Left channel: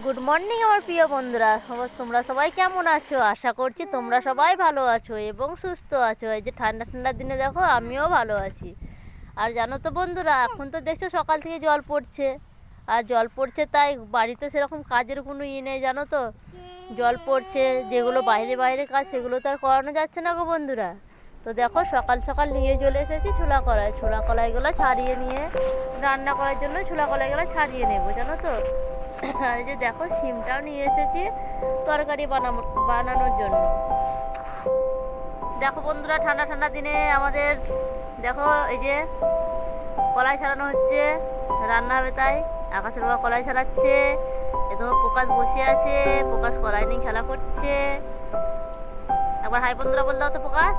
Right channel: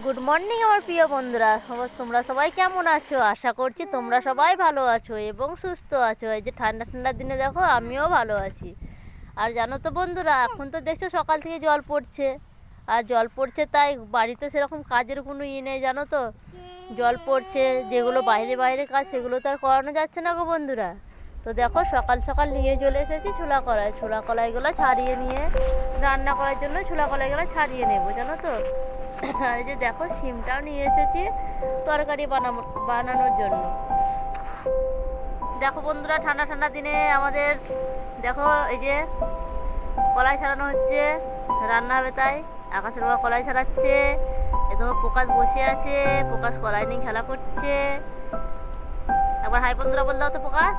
Good morning আমার প্রিয় বন্ধুরা, তোমরা সবাই কেমন আছো? আশা করছি তোমরা সবাই ভালো আছো এবং সুস্থ আছো। এই যে ঠান্ডা ঠান্ডার দিনে দেখো আমিও ভালো আছি। আর জানো তো বন্ধুরা, এখন তো দেখছো সকাল থেকে জল পড়ছে, আর জল পড়ছে তাই বাড়িতে সেরকম কাজের কোনো নেই, জানো তো। জল পড়ছে, যেগুলো বাইরে বাইরে কাজ সেগুলো তো আর করানো যাচ্ছে না গো বন্ধুরা। তো দেখো সকাল সকাল নিয়ে চলে এসেছি ছোলা কলাইগুলো ছাড়িয়ে নিয়ে রান্না করার জন্য ছোলা কলাইগুলো ছাড়িয়ে নেবো, জানো তো। আর এই যে দেখো শিমটাও নিয়ে এসেছি তরকারি বানানোর জন্য। দেখো বন্ধুরা, ঠান্ডা ঠান্ডা দিনে আমাদের দেখো এই যে কলাই ছাড়ানো হচ্ছে, রান্না হবে তাই। আকাশের বাবা কলাই ছাড়াচ্ছে, এ দেখো প্রকাশ বসে আছে, প্রকাশ কলাই নিয়ে খেলা করছে। একবার হাই বন্ধুরা বল দাও তো প্রকাশ।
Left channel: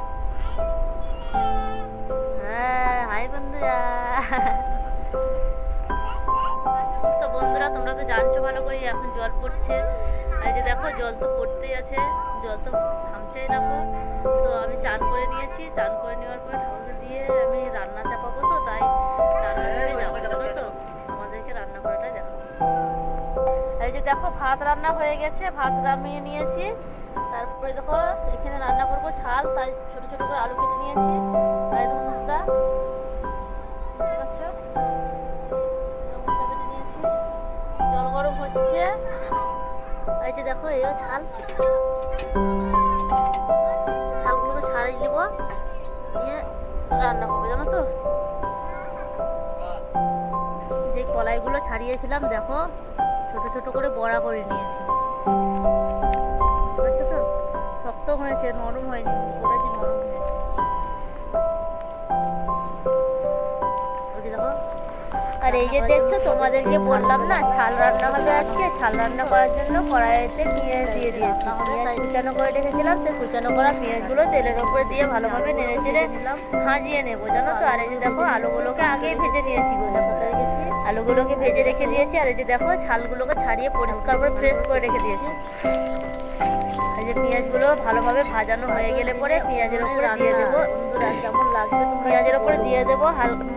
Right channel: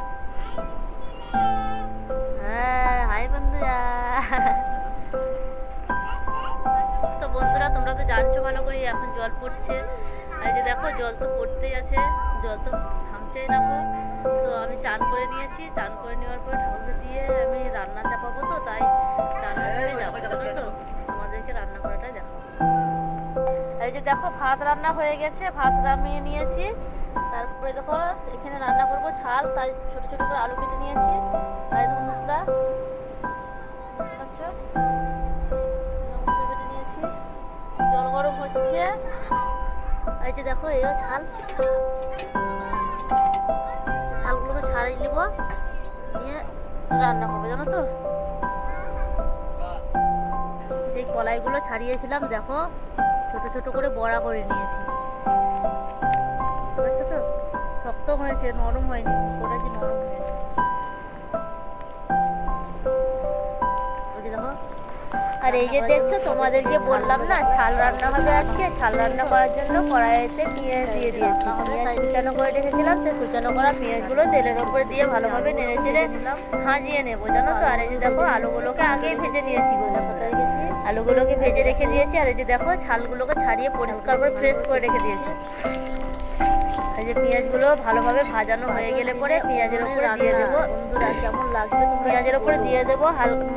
হ্যাঁ হাই বন্ধুরা। তো বন্ধুরা, তোমরা তো জানছো ভালো করে এখন জল পড়ছে, আর এই যে দেখো জল তো পড়তেই আছে, জল তো থামছেই না। তো আমি চান করে নিয়েছি, চান করে নেওয়ার পরে ঠাকুরকে দিয়ে আমি রান্না চাপাবো, তো তাই রান্না করে যাবো, জানো তো। তোমাদেরকে রান্না করাটাই দেখাবো। এই যে দেখো ভাত রান্না হয়ে গেছে, ভাত নামিয়ে নিয়েছি। তারপরে দেখো এখানে রান্না করবো ছাল, তাই ছোট ছোট করে আলু কেটে নিয়েছি। আর এই দেখো মশলা, বুঝতে পারছো, মশলা কেটে নিয়েছি। জল গরম হচ্ছে, এই যে দেখো এই ছাল, ছালগুলোকে ছাড়িয়ে নিব, নিয়ে রান্না করবো, জানো তো। যে কলাইগুলো ছাড়িয়েছিলাম দেখো ছোট ছোট করে বড়া করে নিয়েছি, বুঝছো তো। শক্ত হয়েছে, নরম হয়নি, ওটা যে নরম হয়েছে। ওই যে দেখো, আর এই যে দেখছো তোমাদেরকে বললাম না ছাল রান্না হবে আজকে, ছাল রান্না করার জন্য কড়াইতে পেঁয়াজ দিয়ে দিয়েছি। পেঁয়াজ কুচানো করে রেখেছিলাম, সেই কুচানো করা পেঁয়াজগুলো তেলের ওপরে দিয়ে ভালোভাবে নেড়ে চেড়ে ভাজিয়ে নেবো, জানো তো। আর এই যে দেখো আলুগুলোকে আগেই ভেজে নিয়েছি, আলুগুলোকে ভেজে রেখে দিয়েছি। আর এই যে দেখো ছালগুলোকে ছাড়িয়ে পরিষ্কার করে ফ্রেশ করে রেখে দিয়েছি। এই যে পেঁয়াজগুলো ভালোভাবে ভাজানো হয়ে গেলে পরে পেঁয়াজের ওপরে দিয়ে দেবো, বন্ধুরা কেমন লাগবে, পেঁয়াজের ওপরে দিয়ে দেবো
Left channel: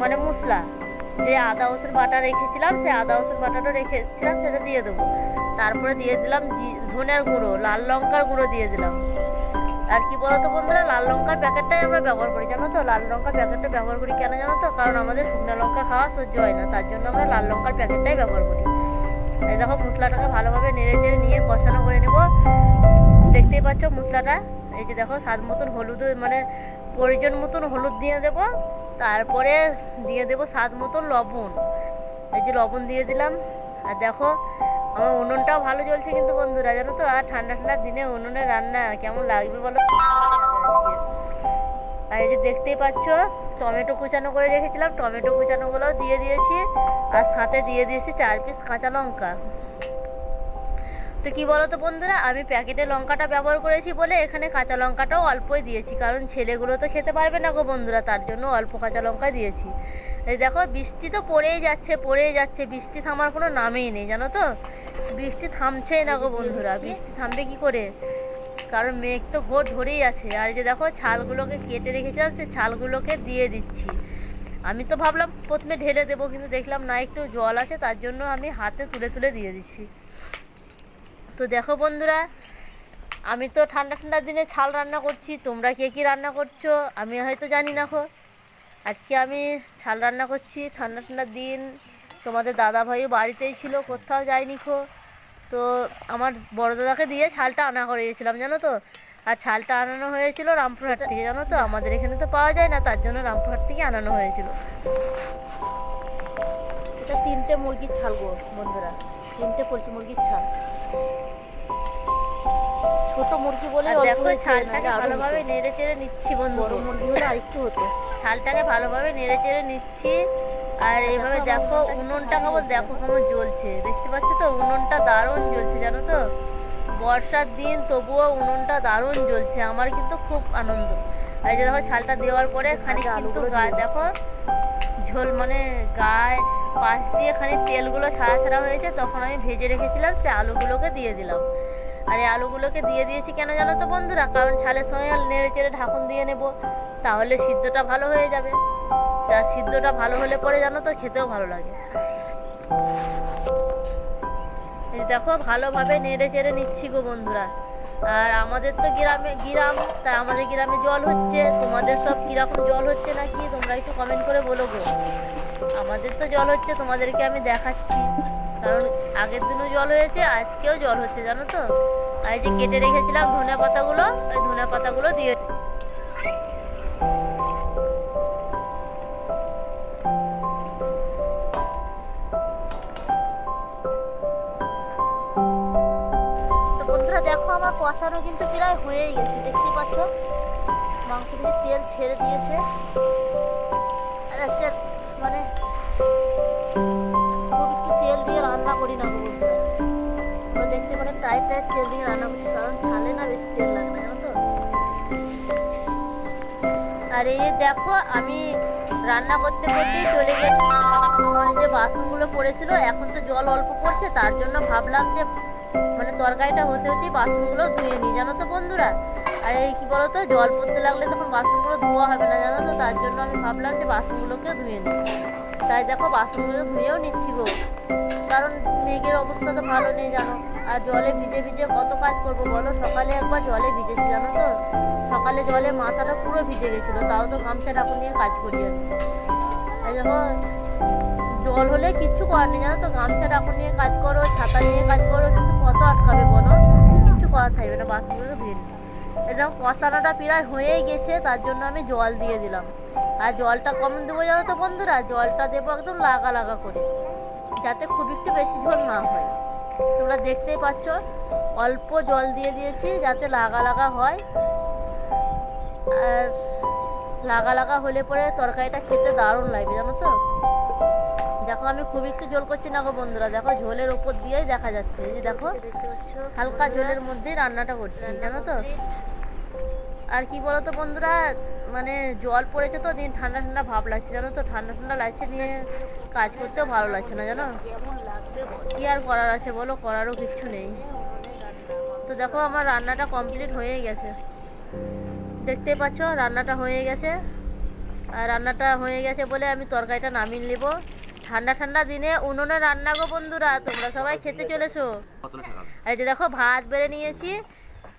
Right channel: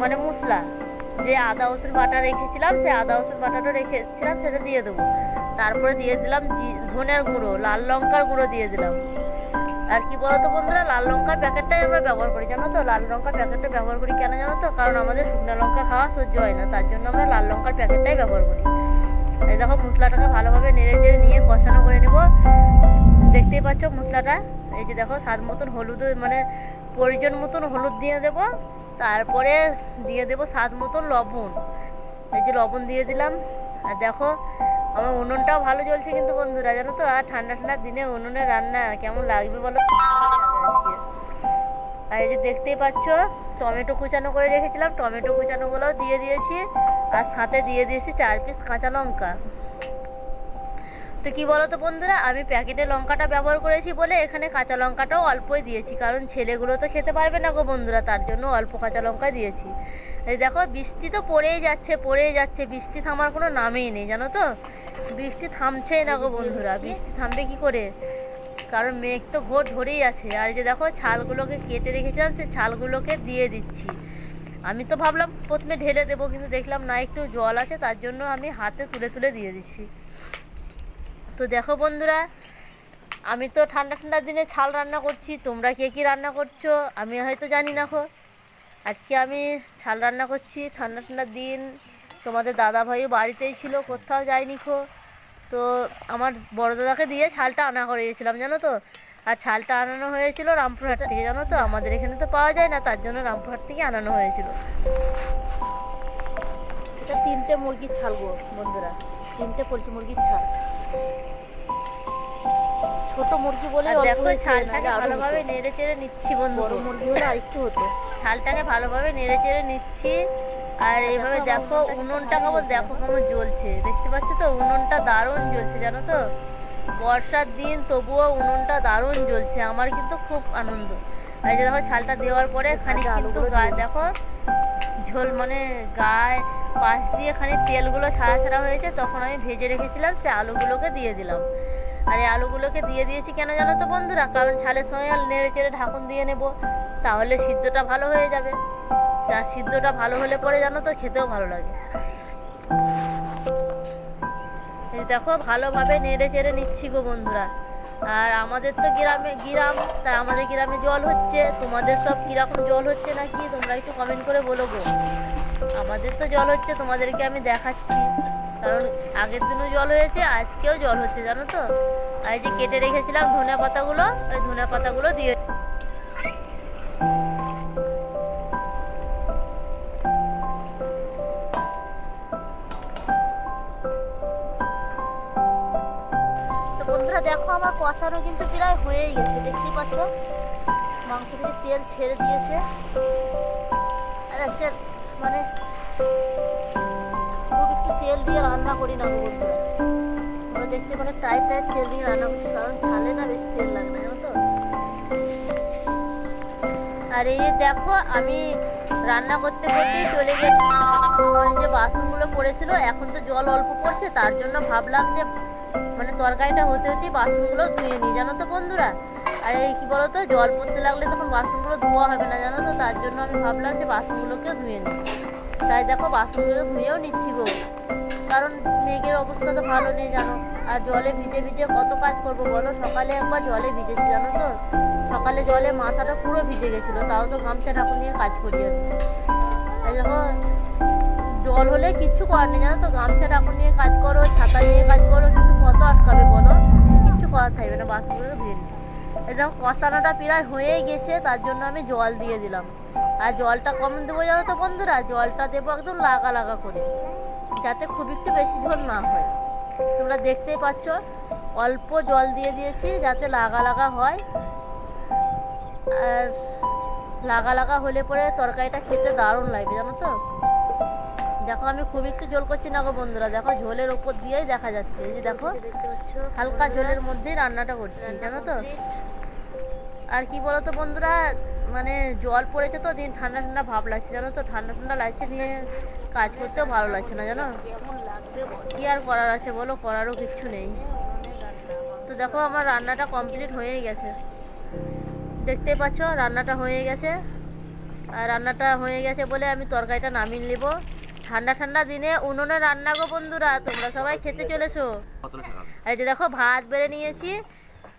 মানে মশলা, যে আদা রসুন বাটা রেখেছিলাম, সেই আদা রসুন বাটাটা রেখেছিলাম সেটা দিয়ে দেবো। তারপরে দিয়ে দিলাম ধনের গুঁড়ো, লাল লঙ্কার গুঁড়ো দিয়ে দিলাম। আর কি বলতো বন্ধুরা, লাল লঙ্কার প্যাকেটটাই আমরা ব্যবহার করি, জানো তো। লাল লঙ্কার প্যাকেটটা ব্যবহার করি কেন জানো তো, কারণ আমাদের শুকনো লঙ্কা খাওয়া সহ্য হয় না, তার জন্য আমরা লাল লঙ্কার প্যাকেটটাই ব্যবহার করি। এই দেখো মশলাটাকে ভালোভাবে নেড়ে চেড়ে নিয়ে কষানো করে নেব। দেখতেই পাচ্ছ মশলাটা। এই যে দেখো স্বাদ মতন হলুদ, মানে প্রয়োজন মতন হলুদ দিয়ে দেব। তারপরে দিয়ে দেব স্বাদ মতন লবণ, এই যে লবণ দিয়ে দিলাম। আর দেখো আমার উনুনটাও ভালো জ্বলছে কিন্তু বন্ধুরা, জানো তো। আর ঠান্ডা ঠান্ডার দিনে উনুনে রান্না কেমন লাগবে বলো আজকে। আর এই যে দেখতেই পাচ্ছ টমেটো কুচানো করে রেখেছিলাম, টমেটো কুচানোগুলোও দিয়ে দিয়েছি, আর সাথে দিয়ে দিয়েছি 4 পিস কাঁচা লঙ্কা। তো কি বলো তো বন্ধুরা, আমি প্যাকেটের লঙ্কাটা ব্যবহার করেছি বলে এখানে কাঁচা লঙ্কাটাও অল্পই দিয়েছি, কারণ ছেলেগুলো তো খেতে পারবে না গো বন্ধুরা, তার জন্য অল্প কাঁচা লঙ্কা দিয়েছি। এই দেখো বৃষ্টি তো পড়েই যাচ্ছে, বৃষ্টি থামার কোনো নামেই নেই, জানো তো। বৃষ্টি থামছেই না গো বন্ধুরা, বৃষ্টি থামবে কি করে, কারণ মেঘ তো ঘোর ধরেই আছে। আর যে দেখো ছালগুলোকে কেটে রেখেছিলাম, সেই ছালগুলোকে দিয়ে দিচ্ছি। আমি তো ভাবলাম প্রথমে ঢেলে দেবো, কিন্তু দেখলাম না একটু জল আছে, তার জন্য আমি হাতে তুলে তুলে দিয়ে দিচ্ছি। তো দেখো বন্ধুরা, আমি তো ঠান্ডা ঠান্ডার দিনে ছাল রান্না করছি, তোমরা কে কী রান্না করছো আমি হয়তো জানি না খো। আজকে আমি ছাল রান্না করছি ঠান্ডা ঠান্ডার দিন। তোমাদের দাদা ভাইও বাড়িতেই ছিল, কোথাও যায়নি খো। তো আমার বড় দাদাকে দিয়ে ছালটা আনা করিয়েছিলাম, জানো তো। আর ছালটা আনানো হয়েছিল রামপুরহাট থেকে, জানো তো। আমাদের এখানে তো পাওয়া যায় না, তার জন্য রামপুরহাট থেকে আনানো হয়েছিল। এটা 3টে মুরগির ছাল গো বন্ধুরা, 3টে পোলট্রি মুরগির ছাল। ছোট মুরগি বলে দেখো ছালটাকে ভালোভাবে নেড়ে চেড়ে নিচ্ছি বন্ধু, বড় মুরগি হলে আরেকটু হতো। ছালটাকে ভালোভাবে নেড়ে চেড়ে নিচ্ছি। আর এইভাবে দেখো উনুনটা কেমন, দেখো কেমন জ্বলছে, দেখতে পাচ্ছ তো। উনুনটা দারুণ জ্বলছে, জানো তো। বর্ষার দিন তবুও উনুনটা দারুণ জ্বলছে, আমার কিন্তু খুব আনন্দ। আর এই যে দেখো ছালটা দেওয়ার পরে খানিক কিন্তু গায়ে দেখো ঝোল, মানে গায়ে পাশ দিয়ে খানিক তেলগুলো ছাড়া ছাড়া হয়েছে, তখন আমি ভেজে রেখেছিলাম সে আলুগুলোকে দিয়ে দিলাম। আর এই আলুগুলোকে দিয়ে দিয়েছি কেন জানো তো বন্ধুরা, কারণ ছালের সঙ্গে নেড়ে চেড়ে ঢাকন দিয়ে নেব, তাহলে সিদ্ধটা ভালো হয়ে যাবে। আর সিদ্ধটা ভালো হলে পরে জানো তো খেতেও ভালো লাগে। এই দেখো ভালোভাবে নেড়ে চেড়ে নিচ্ছি গো বন্ধুরা। আর আমাদের তো গ্রাম, তাই আমাদের গ্রামে জল হচ্ছে, তোমাদের সব কীরকম জল হচ্ছে না কি তোমরা একটু কমেন্ট করে বলো গো। আমাদের তো জল হচ্ছে, তোমাদেরকে আমি দেখাচ্ছি, কারণ আগের দিনও জল হয়েছে, আজকেও জল হচ্ছে জানো তো। আর এই যে কেটে রেখেছিলাম ধনে পাতাগুলো, ওই ধনে পাতাগুলো দিয়ে বন্ধুরা দেখো আমার কষানো কিন্তু প্রায় হয়েই গেছে, দেখতেই পাচ্ছ মাংস থেকে তেল ছেড়ে দিয়েছে। আর একটা মানে খুব একটু তেল দিয়ে রান্না করি না গো বন্ধুরা, আমরা দেখতে মানে টাইট তেল দিয়ে রান্না করছি, কারণ ছালে না বেশি তেল লাগে না জানো তো। আর এই দেখো আমি রান্না করতে করতেই চলে গেছি, আমার যে বাসনগুলো পড়েছিল, এখন তো জল অল্প পড়ছে, তার জন্য ভাবলাম যে মানে তরকারিটা হতে হতেই বাসনগুলো ধুয়ে নিই জানো তো বন্ধুরা। আর এই কী বলো তো, জল পড়তে লাগলে তখন বাসনগুলো ধোয়া হবে না জানো তো, তার জন্য আমি ভাবলাম যে বাসনগুলোকেও ধুয়ে নিই। তাই দেখো বাসনগুলো ধুয়েও নিচ্ছি গো, কারণ মেঘের অবস্থা তো ভালো নেই জানো। আর জলে ভিজে ভিজে কত কাজ করব বলো, সকালে একবার জলে ভিজেছি জানো তো, সকালে জলে মাথাটা পুরো ভিজে গেছিলো, তাও তো গামছা ঢাকুন নিয়ে কাজ করি আমি। তাই দেখো জল হলে কিচ্ছু করার নেই জানো তো, গামছা ঢাকুন নিয়ে কাজ করো, ছাতা নিয়ে কাজ করো, কিন্তু কত আটকাবে বলো, কিচ্ছু করার থাকবে না, বাসনগুলো ধুয়ে নিই। এই দেখো কষানোটা প্রায় হয়েই গেছে, তার জন্য আমি জল দিয়ে দিলাম। আর জলটা কম দেবো জানো তো বন্ধুরা, জলটা দেবো একদম লাগা লাগা করে, যাতে খুব একটু বেশি ঝোল না হয়। তোমরা দেখতেই পাচ্ছ অল্প জল দিয়ে দিয়েছি যাতে লাগা লাগা হয়, আর লাগা লাগা হলে পরে তরকারিটা খেতে দারুণ লাগবে জানো তো। দেখো আমি খুব একটু ঝোল করছি না গো বন্ধুরা, দেখো ঝোলের ওপর দিয়েই দেখা যাচ্ছে, এই যে দেখো হালকা ঝোলের মধ্যেই রান্নাটা করছি জানো তো। আর কি বলো তো বন্ধুরা, মানে জল পড়েছে তো দিন ঠান্ডা ঠান্ডা ভাব লাগছে জানো তো, ঠান্ডা ঠান্ডা লাগছে, নিয়ে কাজ করতেও ভালো লাগছে না জানো। কি আর করার আছে বলো, করারও কিচ্ছু নেই। তো দেখো আমার রান্নাটা কমপ্লিট হয়ে গেছে, দেখতে পাচ্ছ রান্নাটা হয়ে গেছে। আর রান্নাটা হয়ে গেছে বলে আমি তরকারিটা নামিয়ে নেব। ঠান্ডা ঠান্ডা দিনে উনুনে রান্না গো বন্ধুরা, তোমরা সবাই খেতে চলেছো। আর এই যে দেখো ভাত বেড়ে নিয়েছি,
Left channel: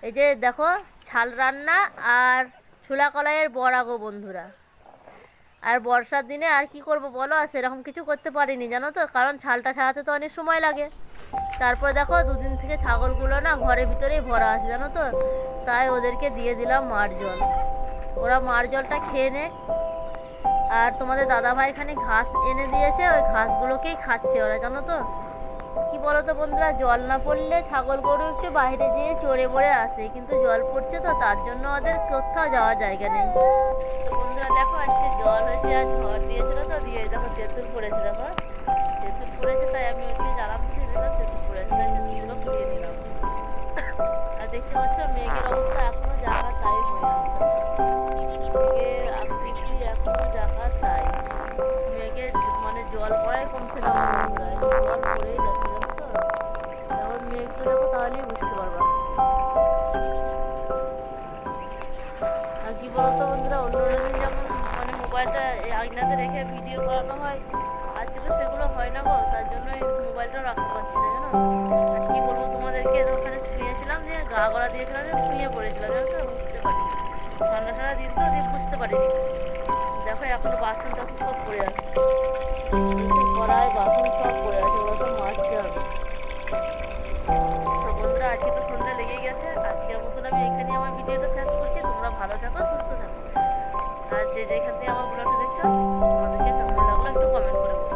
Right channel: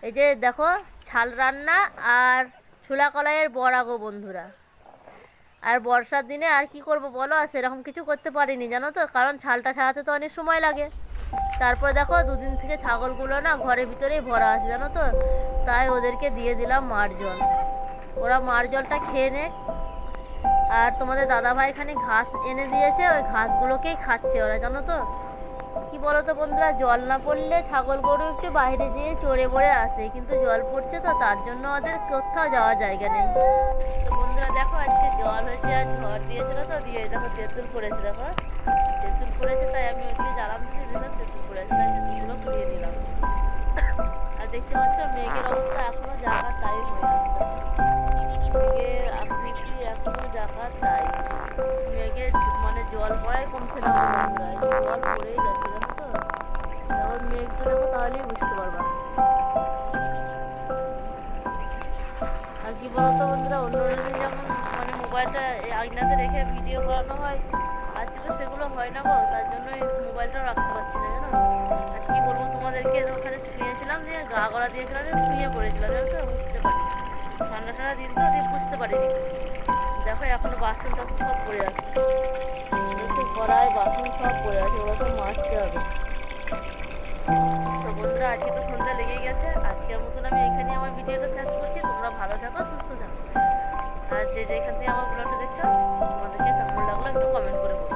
এই যে দেখো ছাল রান্না আর ছোলা কলাইয়ের বড়া গো বন্ধুরা। আর বর্ষার দিনে আর কি করব বলো, আর সেরকম কিছু করতে পারিনি জানো তো, কারণ ছালটা ছাড়াতে তো অনেক সময় লাগে। তারপর দেখো দুদিন থেকে ছাগলগুলো না ঘরের ভিতরেই ভরা আছে জানো তো, তাই ওদেরকে দিয়ে দিলাম মার জল, ওরা মার জলটা খেয়ে নে। আর তোমাদের দাদাভাই এখানে ঘাস এনে দিয়েছে, ওই ঘাসগুলোকেই খাচ্ছে ওরা জানো তো। কি বলো তো বন্ধুরা, জল না পড়লে ছাগল গরু একটু বাইরে যেয়ে চড়ে বড়ে আসে, কিন্তু জল পড়ছে তো তার জন্য ওদের কোথাও যাওয়ার জায়গা নেই। তো বন্ধুরা দেখো আজকে জল হয়েছে আর ঝড় দিয়েছিল তো, দিয়ে দেখো তেঁতুল পড়েছে, দেখো তেঁতুল পড়েছে, তাই আমি ওইদিকে জ্বালাম দিয়ে দিলাম, তেঁতুল পড়েছে তাই তেঁতুলগুলো পুড়িয়ে নিলাম। আর দেখতে পাচ্ছ মেঘের অবস্থা এখনো জায়গা তাই হয়ে আছে, মেঘের আকৃতি এখনো জায়গা তাই, মেঘের মানে জল পড়াই কমছে না বন্ধুরা, জল পড়েই যাচ্ছে জানো তো। দেখো মেঘটা দেখো তাহলেই বুঝতে পারবা। আর কি বলতো বন্ধুরা, অন্য দিন যেমন মানে মোবাইলটা আয়নাতে রেখে ভিডিও করানো হয়, আজকে তো সেগুলো হয় না গো, তার জন্যই মোবাইলটাও রাখতে পারছি না জানো। আর কি বলবো তোমাদেরকে, ওখানে শুয়েছিলাম, দিয়ে গা গড়া দিয়েছিলাম, যে শুয়ে পড়েছিলাম জানো তো, বুঝতে পারিনি, ঠান্ডা ঠান্ডা দিন তো, দিয়ে বুঝতে পারিনি। দেখো এখনো বাসন টাসন সব পড়ে আছে, কড়াই বাসন সব পড়ে আছে, ওগুলো সব মাজতে হবে। তো বন্ধুরা আজকে তো সন্ধ্যা লেগে গেছে, আজকের মতন আমি এখানেই আমার ভিডিওটা শেষ করছি। তোমরা ভালো থাকো, সুস্থ থাকো, আর যে যেখান থেকে আমার ব্লগটা দেখছো তোমাদেরকে কেমন লাগলো একটু কমেন্ট করে বলো।